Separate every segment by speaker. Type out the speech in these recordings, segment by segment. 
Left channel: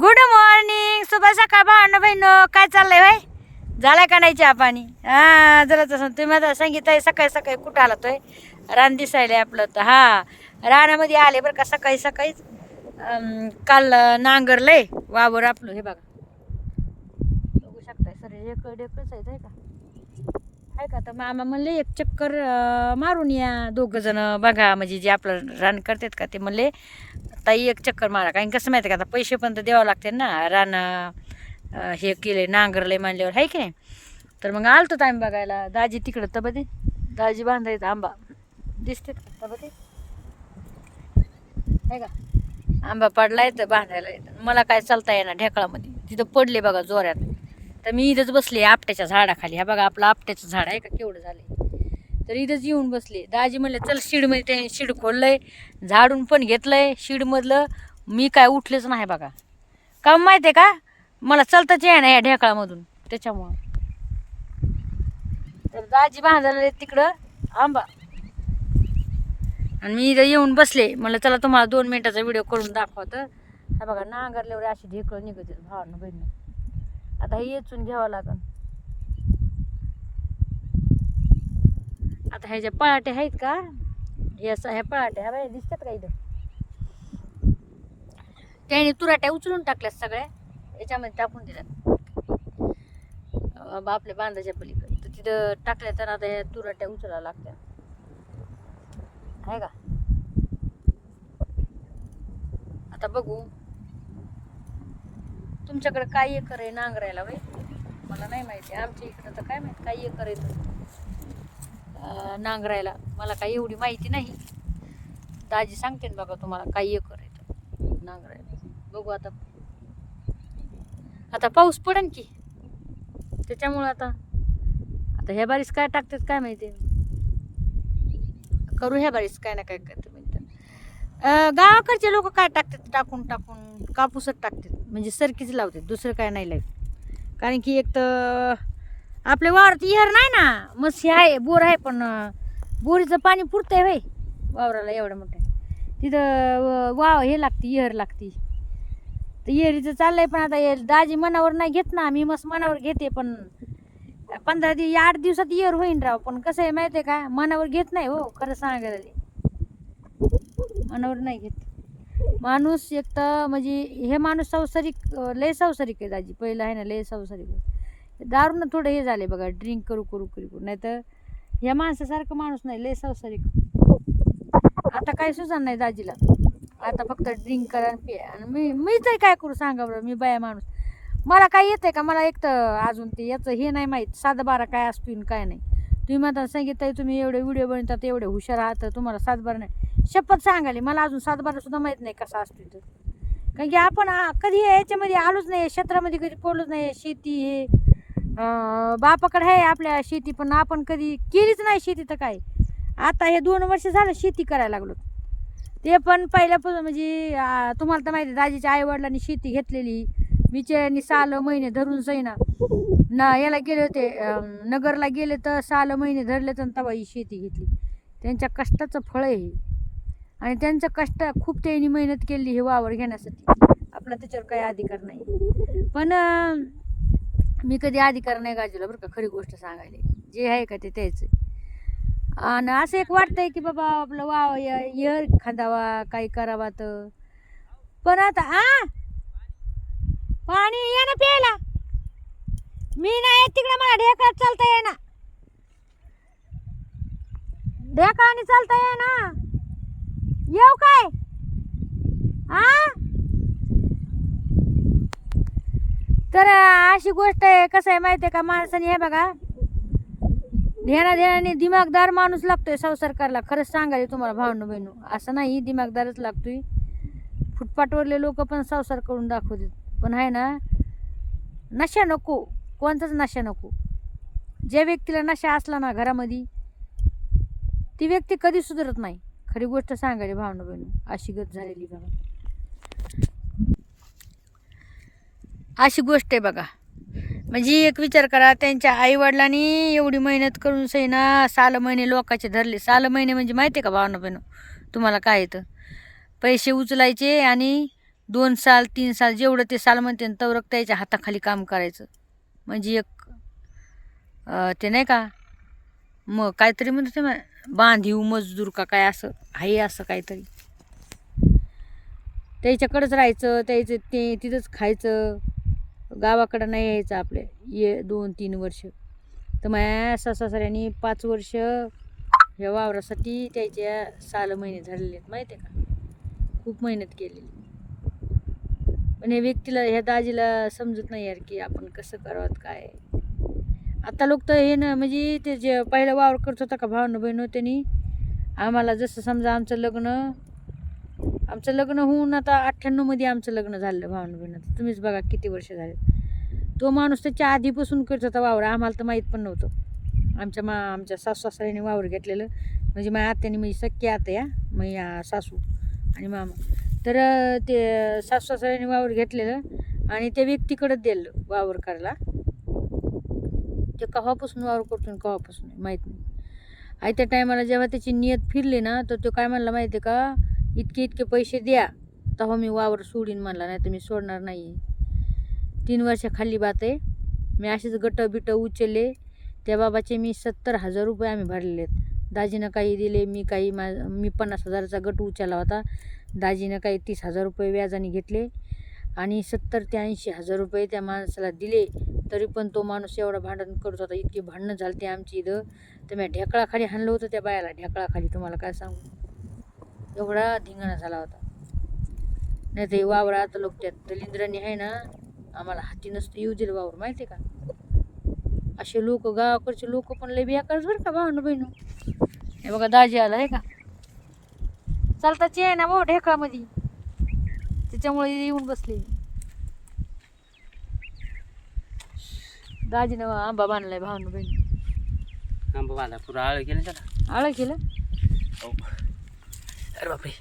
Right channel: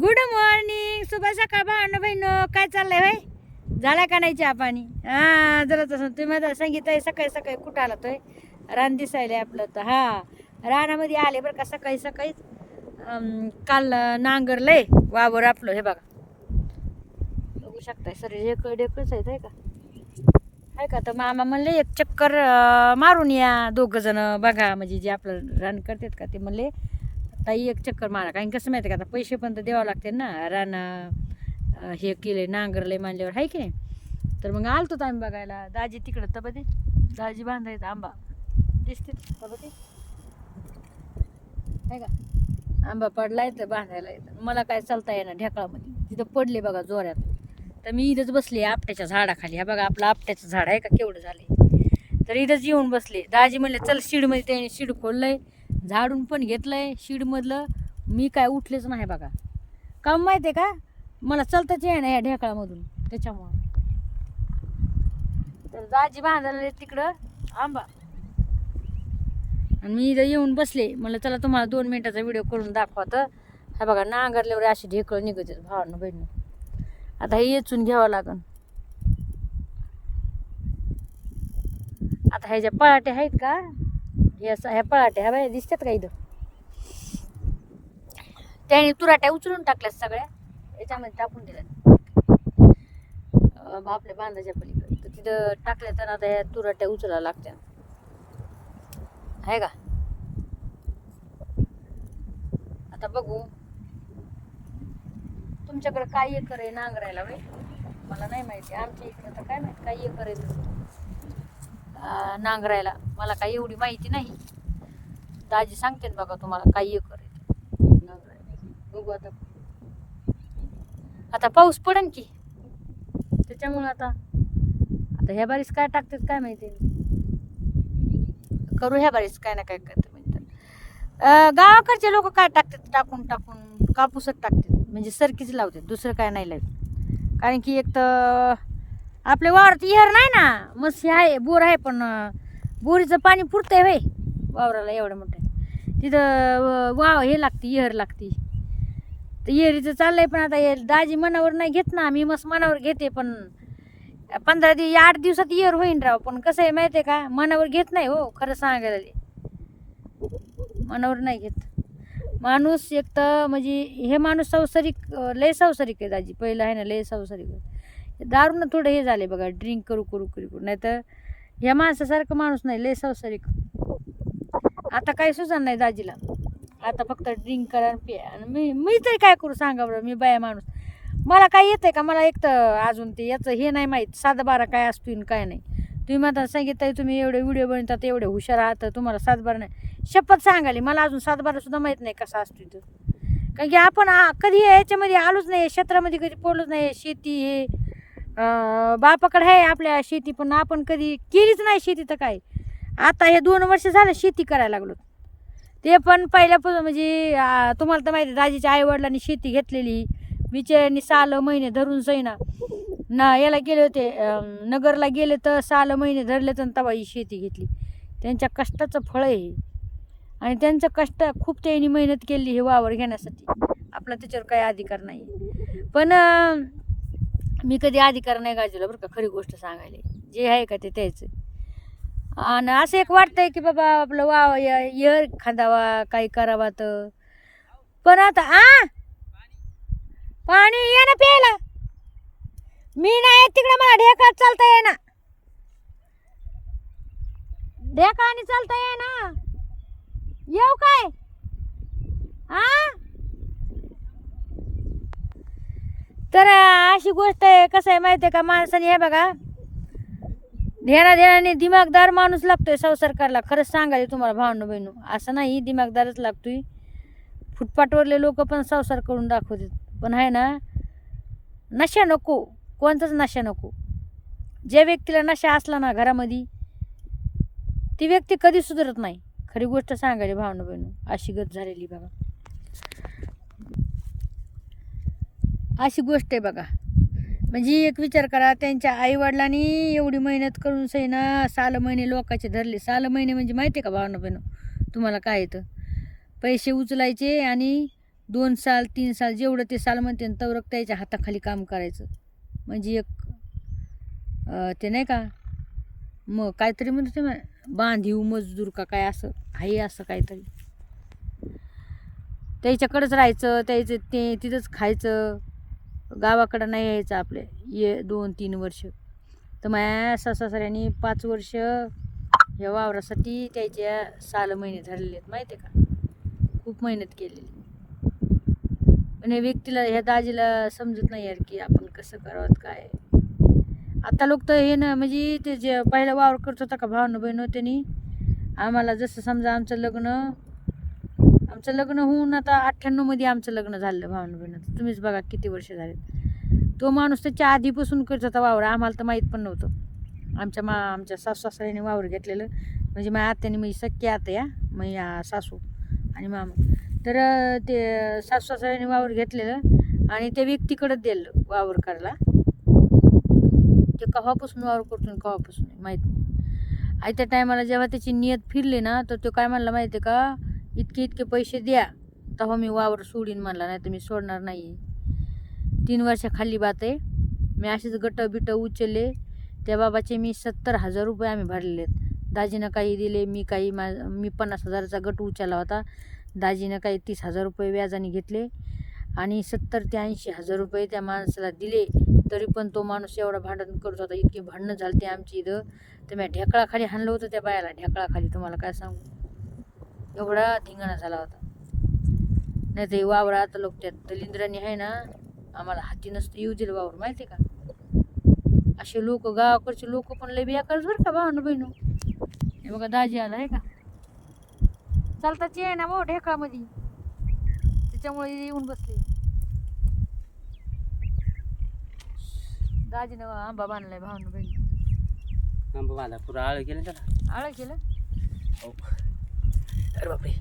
Speaker 1: Good morning शुभ सकाळ भावना बहिण काय चाललंय भाई झालाय का नाही चहा पाणी? हा जरा तसं तुम्ही आता सांगितलंय सकाळी सकाळी कुठं आला तोय? रान दिसायला आपलं तर. हा रानामध्ये आले बरं का सकाळी सकाळीच काल नांगरलंय वावर आपलं हे बघा. बघू शकताय सर हे ढेकळच आहेत आहे का? आहे का? तर मामा म्हणले एक चक्कर मारून या दोघं जण. बघा म्हणजे जे आपलं रान करतात का ते म्हणले ताई एक चक्कर मारा. कारण कसं माहिती आहे का आता पैसे पण तर द्यावं लागते ना. रान हे केले नांगरले म्हणल्यावर आहे की नाही? तर मग आलतो आम्ही बघायला. दाजी तिकडं तर दाजी बांधायचं आंबा. दिसते तबती नाही का? आंबा पडलाय तर बांधायला येतं मला काय चालता येणार ढेकळामध्ये. तिथं पडले बघा जोऱ्यात तर मी इथंच बसली आपट्याच्या झाडाखाली. हा बघा आपलं आपट्याचं झाड आहे का? केवढं झालं तर इथंच येऊन बसले. दाजी म्हणले चल शिडमध्ये त्याने शिड खोललंय. झाडून पण घेतलंय शीडमधलं. मी काय उठलेच नाही बघा. काम माहिती आहे का? मला चलताच आहे ना या ढेकळामधून. त्याच्यामुळं. तर दाजी बांधायला तिकडं. आंबा. आणि मी इथं येऊन बसले. म्हटलं चला तुम्हाला दोन मिनिटाचा व्हिडिओ करून दाखवतं. हा बघा नांगरल्यावर अशी ढेकळं निघत भावानं बहिणीनं. आता हे येचून घ्यावं लागन. आता ह्याच्या ज्या आहेत का? हे असं ह्या पळाट्या ह्या बाया दिसतात का इथं? त्याने तुराट्या उचलून टाकल्यात सगळ्या याच्यामध्ये टाकून दिल्यात. आपल्या बांधाच्या पलीकडे. तर तिथं टाकल्या तर आता ह्या तुराट्या उचलायला लागतात आहे का? आता बघू. तुमच्याकडे काय एकर आहे नांगरायला वय मला नाही माहिती. आमच्या इकडं तर काय माहिती काय एकर आहे तर. नांगरायला. मला काही एवढी माहिती नाही. दाजी सांगते ना बघा तुम्हाला काही एकर आहे नांगरायला. बघू आता. आता पाऊस पडन की. त्याच्यामुळं आता आता ह्या बारीस काय टाकतात काय माहिती? करू ह्या बारीस काय ना काय करते म्हणतात गावाकडचे लोक काय टाकतात? टाकून टाकून कापूसच टाकतात. म्हणजे सरकीच लावतात. दुसरं काय नाही लावत कारण की एक तर आपल्या वावरात इहर नाही ना. मस्त आहे बोर आहे पण बोरीचं पाणी पुरतंय भाई वावराला एवढं मोठं तिथं वाव हे लागते इहर लागते. तर इहरीचं चाललंय पण आता हे दाजी मनावर नाही घेत ना. मी मस्त मनावर घेते पण पंधरा दिवस आठ दिवसात इयर होईन राव. पण कसं आहे माहिती आहे का? मनावर घेत नाही हो खरं सांगायला मनावर नाही घेत. माणूस एक तर म्हणजे हे माणूस संसारिक लय संसारिक आहे दाजी. पहिलं आहे ना लय संसारिक. दारू ना थोडं हे झाले बघा ड्रिंक करू करू करू करू. नाही तर ह्या माणसासारखं माणूस नाही लय संसारिक आता काही सुचन नाही दाजीला. आता फक्त ड्रिंक करा आणि पिया. आणि मी मी तरी काय करू सांगा बरं मी बाया माणूस. मला काय आहे का? मला एक तर अजून ते याचं हे नाही माहीत सात बारा काय असतो आणि काय नाही. तुम्ही म्हणता सांगितलं तुम्ही एवढे व्हिडिओ बनवतात एवढे हुशार आहात तर तुम्हाला सातबारा नाही. शपथ सांगाली मला अजून सातबारा सुद्धा माहीत नाही कसा असतो इथं कारण की आपण कधी याच्यामध्ये आलोच नाही क्षेत्रामध्ये कधी पोलोच नाही शेती हे. बापाकडे आहे आपल्या शेती पण आपण कधी केलीच नाही शेती तर काय? आता हे दोन वर्ष झालं शेती करायला लागलो. ते पण पहिल्यापासून म्हणजे तुम्हाला तर माहिती आहे, दाजीच्या आईवडिलांनी शेती घेतलेली. बिचाऱ्यांनी साल महिने धरून सैना ना याला गेले होते नगरला गेले तर साल महिने धरले तर तेव्हा ही शेती घेतली. त्यांच्या कष्टाचं फळ आहे आणि त्यांचं कष्ट खूप त्यांनी मेहनत केली हे वावर घेण्यासाठी. आपला त्याच्यावर काही अधिकार नाही. पण मी कधी अधिकार नाही गाजवला बरं का खरी गोष्ट सांगायला. जे आहे का ते त्याचं आणि असं एक वाटतंय की बाबा आपलं वाव यर खांदावा काही करावा तर. पण आता आ? पाणी ये ना प्यायला. मी नाही येत तिकडे मला ढेका चालता ये ना ढेका आणि चालता ये ना येऊ काय? आ? तर अशी गोष्ट आहे कसं आहे माहिती आहे का माणसाने हे बघा ध्याना ध्यानाने दिमागदार माणूस लागतोय संसार करायला खरंच सांगायचं तुम्हाला भावनं बहिणू असं नाही दिमागदारच लागतोय. फुटपाटवरले लोक पण संसार करून दाखवतात. पण आहे ना नशा नको कोणताच नशा नको. ज्या व्यक्तीला नशा असला ना घरामध्ये ती व्यक्ती कधी सुधरत नाही. खरी गोष्ट सांगायची भावना बहिणू अशी गत झालेली बाबा अशी गोष्ट आहे बघा. म्हणजे एक विचार करा त्यांच्या आईवडिलांनी एवढी मेहनत करून सैना साल महिने लोकांचे धरले. साल महिने म्हणजे माहिती आहे का भावना बहिणू? तुम्हाला काय येतं? पैसे उचलायचे आणि दोन साल तीन साल जेवढं ते साल म्हणते तवरक त्याच्या हाताखाली काम करायचं. म्हणजे एक ते नाही का? मग काहीतरी म्हणते ते मा- बांधीव मजदूर का काय असं आहे असं काहीतरी. त्याच्याकडंच राहायचं त्याचं ते तिथंच खायचं. गावाकडं नाही यायचं आपले. ये दोन तीन वर्ष. तर माझ्या सासऱ्यांनी पाच वर्ष या वावरासाठी त्याच्या साल महिने धरलेले आहेत माहिती आहे का? खूप मेहनत केलेली. पण ह्या व्यक्तीला ह्या दाजीला समजत नाही यार की आपण कसं करावं काय? आता लोक तर हे ना म्हणजे ते जे पहिला वावर करत होता का भावनं बहिणं त्यांनी? आम्हाला जसं समजा आमचं लग्न आमचं लग्न होऊन आता अठ्ठ्याण्णवमध्ये आमचं लग्न झालं भावनं बहिणं तुम्हीच बघा किती वर्ष झालेत. तो माणूस त्याच्या आधीपासून करत होता वावर आम्हाला तर माहीत पण नव्हतं. आमच्या मा आमच्या सासू सासऱ्याने वावर घेतलेलं. म्हणजे माझ्या आत्याने म्हणजे सख्या आत्या माझ्या सासू आणि मामा. तर ते सासू सासऱ्याने वावर घेतलेलं आणि त्या व्यक्तीकडं दिलं वावर करायला. ते केव्हापासून वावर करतो आणि माहीत नाही. आयत्या टायमाला जेव्हा त्याची नियत फिरली ना तर तो काय म्हणला माहिती आहे का? इतके इतके पैसे द्या तेव्हा मी वावर सोडीन म्हणला नाही तर मी सोडणार नाही तीन वर्षाखाली बात. आहे मी असेच गट बिट उचलले. त्या बाबाचे मी सत्तर हजार रुपये आम्ही भरलेले आहेत दाजीनं काही दिले मी काही मा मी पन्नास हजाराचा गट उचलला होता. दाजीनं काही तीस हजार रुपये व्याजाने घेतले आणि सत्तर ते ऐंशी हजार रुपये त्या माणसाला दिले. तरी पण तो माणूस एवढा भांडण करत होता इतकी भांडणं झाली ते आमची इथं. तर मी ढेकळाखाली हाणलं होतं त्या बायाला. ढेकळाखाली तुम्हाला काय सांगू? एवढा धिंगाणा झाला होता. नाही तर वावर आता लोक त्यात दलिंद्राने आहे ना आम्हाला हाती नसतं येऊ दिलं वावर माहिती आहे का? असे लोक गावाकडचे लोक पण लय बेकारच बरं का भावनं बहिणू. हे बघा दाजी आला आहे का? चालताची आहे ना भाऊ ढेकळामध्ये. त्याच्यामुळे येऊन बसले. दाजीनं आंबा बांधलाय भावनं बहिणी.
Speaker 2: आंबा बांधा पुरा आळ केलं त्याला.
Speaker 1: आळं केलं?
Speaker 2: हो. अरे बापरे.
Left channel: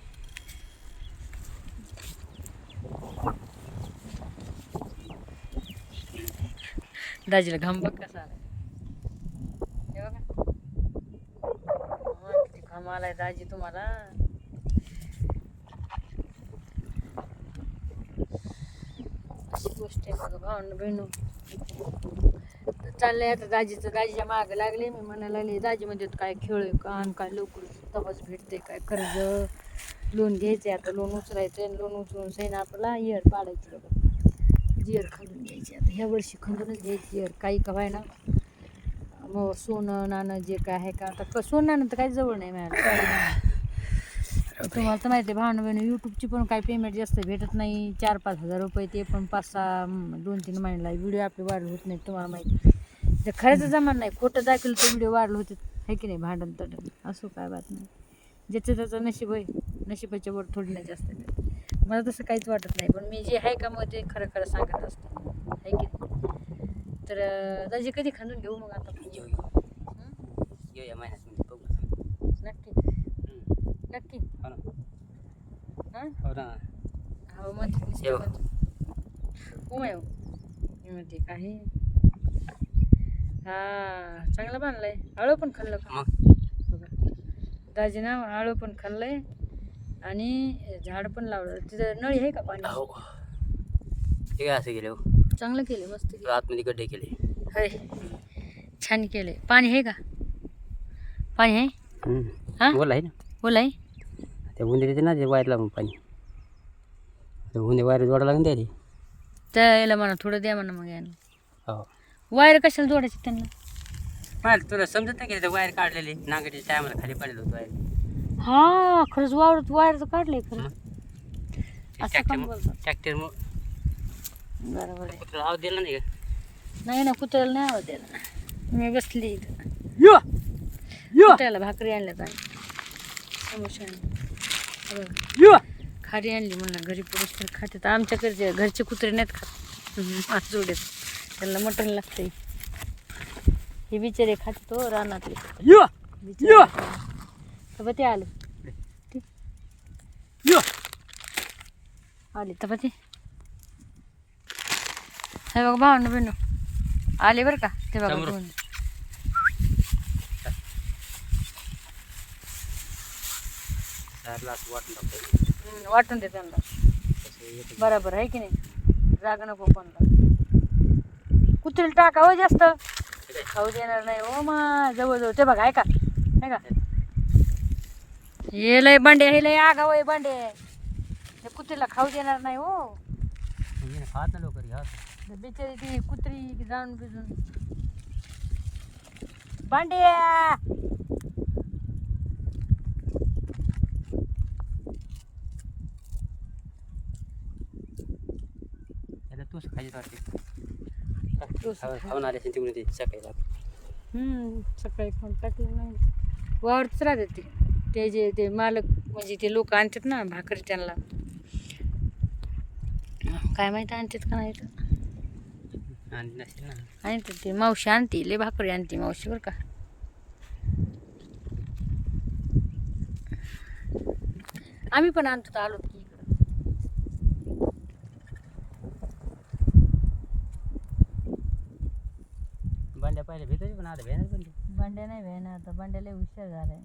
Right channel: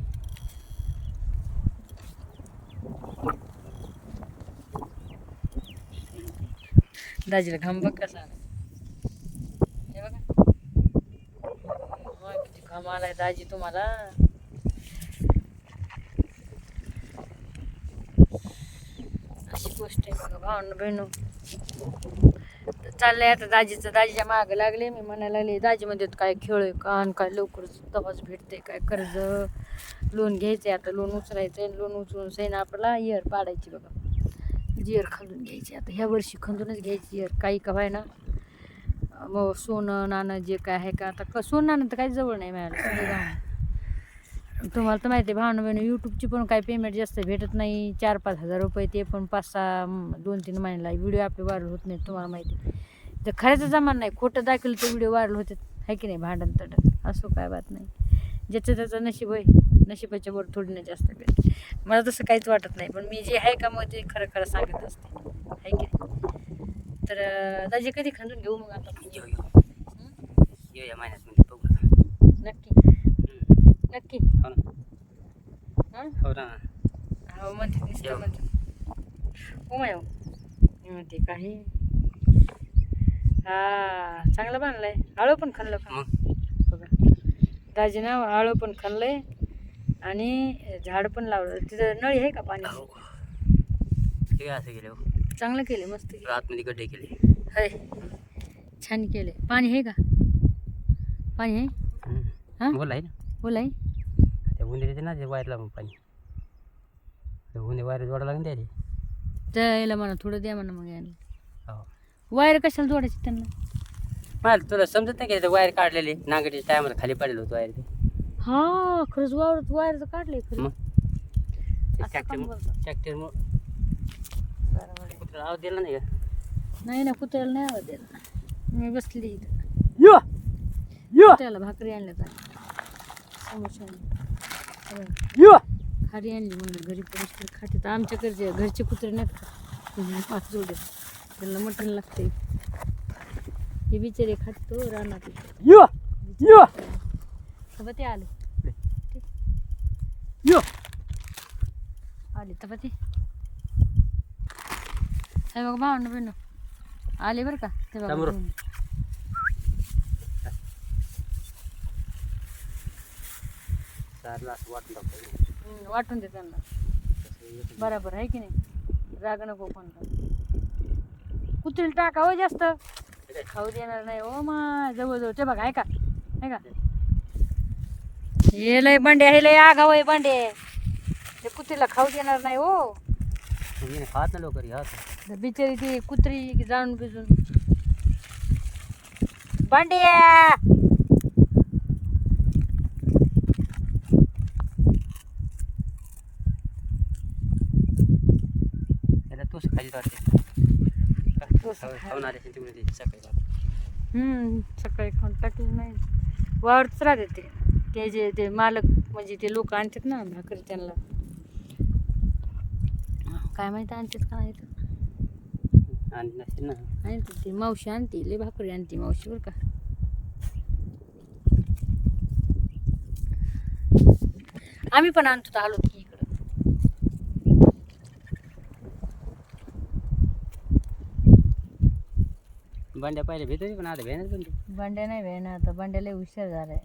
Speaker 1: दाजीला घाम बघ कसा आला हे बघा. किती घाम आलाय दाजी तुम्हाला. अशी गोष्ट आहे बघा भावनं बहिणू चाललंय आता दाजीचं दाजीच्या मागं लागले. मी म्हणायला लागले दाजी मध्ये काय खेळ आहे? का आणि काय लवकरच तपास भेटते काय? कर्ज लोन घ्यायचंय आता लोन उचलायचंय आणि लोन उचलून सैन आपला इयर पाडायची बघा. जिअर खंदून घ्यायची आता. ह्या वर्षी खंदूनच घ्यायची इयर. काही का व्हाय ना मग सोनं नाणं जे काय आहे का? आता क सोनं नाणं तर काही जवळ नाही मिळालं. तुम्हाला तर माहिती आहे भावना बहिणी यूट्यूबची पण काही पेमेंट जास्त भेटत नाही. चार पाच हजार रुपये ते पण पाच सहा दोन तीन महिन्याला व्हिडिओ आपले व्हायरल होत नाहीत तुम्हाला माहिती तर खऱ्याचं जमान नाही खोटं दाखवलं तर व्हिडिओ व्हायरल होते आहे की नाही? भांडण तडण. असं काय बात नाही. ज्याचं त्याचं नशीब आहे नशिबाच्या वर थोडी ना जास्त भेट मला तसं काहीच वाटत नाही पण मी जे आहे का मग ते खरं खरं सांगत असते. आहे की नाही? तर दाजी कधी खांदून घेऊ मग आता?
Speaker 2: येऊ येऊ
Speaker 1: हं?
Speaker 2: येऊ या महिन्यात बघू
Speaker 1: नक्की. नक्की.
Speaker 2: हो ना.
Speaker 1: हं?
Speaker 2: ना.
Speaker 1: म्हणते हो माय म्हणते काही हा चांगलं बांधलंय. आळू पण खाल्लं का?
Speaker 2: मग?
Speaker 1: बघा. दाजीनं आळू पण खाल्लंय आणि झाड पण लावलं. तिथं नळी आहे का पाणी?
Speaker 2: हो हे असं गेले हो.
Speaker 1: चांगलं केले मस्त केले
Speaker 2: आतमध्ये गड्डे केले.
Speaker 1: होय. छान केले पाणी आहे का? पाणी आहे? हा?
Speaker 2: बोला आहे ना.
Speaker 1: बोला आहे.
Speaker 2: ते उंदे देते ना ते वायर लावून पाणी. ते उंदे वायर जोडा लागून द्यायला
Speaker 1: त्याला. म्हणा थोडं द्या म्हणा मग यायला
Speaker 2: हो
Speaker 1: वायर कशाला जोडायची त्यांना?
Speaker 2: मला तुला समजत नाही का ते वायर काढलेले? नागडीच्या टायमाला खाली पडलं होतं वायर.
Speaker 1: हा खरंच वावरत वायर काढले खरं.
Speaker 2: मग?
Speaker 1: असं
Speaker 2: ट्रॅक्टर
Speaker 1: पण बोलतात.
Speaker 2: ट्रॅक्टर
Speaker 1: बरोबर आहे.
Speaker 2: कुत्रा आवाज दिला नाही का?
Speaker 1: नाही ना कुत्र्याला नाही आवाज द्यायला मी बसली इथं.
Speaker 2: यो! यो!
Speaker 1: कुत्र्याला भाकरी आणल्यात आणि समोसे आणले. हो.
Speaker 2: यो!
Speaker 1: खारी आणली म्हणलं घरी पुरुष तर खाते तर आमच्याकडचे घरचे कुत्रे नाहीत खात. मास जोडेत. त्यांना मटण लागतंय. हे बिचारे खात तो रानातले. बिचारे. ते आले.
Speaker 2: यो!
Speaker 1: आले तर ते. हे बघा भावना बहिण. आले बरं का? ते बघा
Speaker 2: वाटून
Speaker 1: दे त्यांना. बरोबर आहे की नाही? जागा नको कोणला. कुत्रीला टाका हो जास्त. खाऊ देणार नाही हो मा जवळ जवळ ते बघा ऐका. ऐका. हे लय बांडे हे लय आगाव आहे बांडे हे कुत्रीला खाऊ देणार नाही हो.
Speaker 2: मी नाही खात ना घ्या
Speaker 1: बिचारी ती कुत्री जाणून बिजून. बांडे
Speaker 2: त्याला तूच खाली वाटते तिकडे ते सकाळी
Speaker 1: हम्म सकाळी खाऊन टाकले नाही. वावरच राहते ते. ते जे ते मालक म्हणजे ते लोक आणतात ना भाकरी त्यांना. काय माहिती आणतात का नाही तर.
Speaker 2: आणि नसेल ना.
Speaker 1: आणतात ते. मावशी आणते लय भाकरी आणते मावशी बरं का. आम्ही पण आणतो आलो की इकडं
Speaker 2: भांड्या पहिले भेटते पण आता भेणार पण ते.
Speaker 1: बंड्या नाही भेण आता बंड्या लय हुशार झालाय.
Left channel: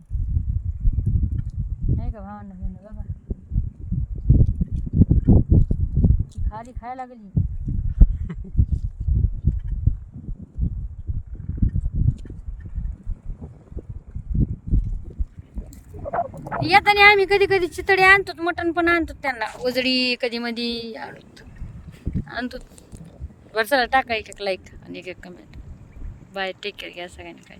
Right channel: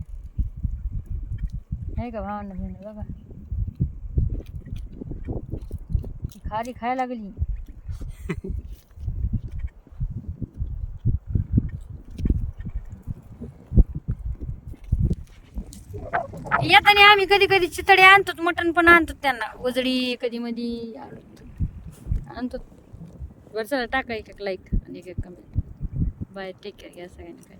Speaker 1: नाही का भावना भेण बघा. खारी खायला लागली. येताना आम्ही कधी कधी चितडे आणतो मटण पण आणतो त्यांना. उजडी कधी मधी आणतो. आणतो. बरं टाका एक एक लाईक आणि एक एक कमेंट बाय टेक केअर घ्या सगळ्यांनी काय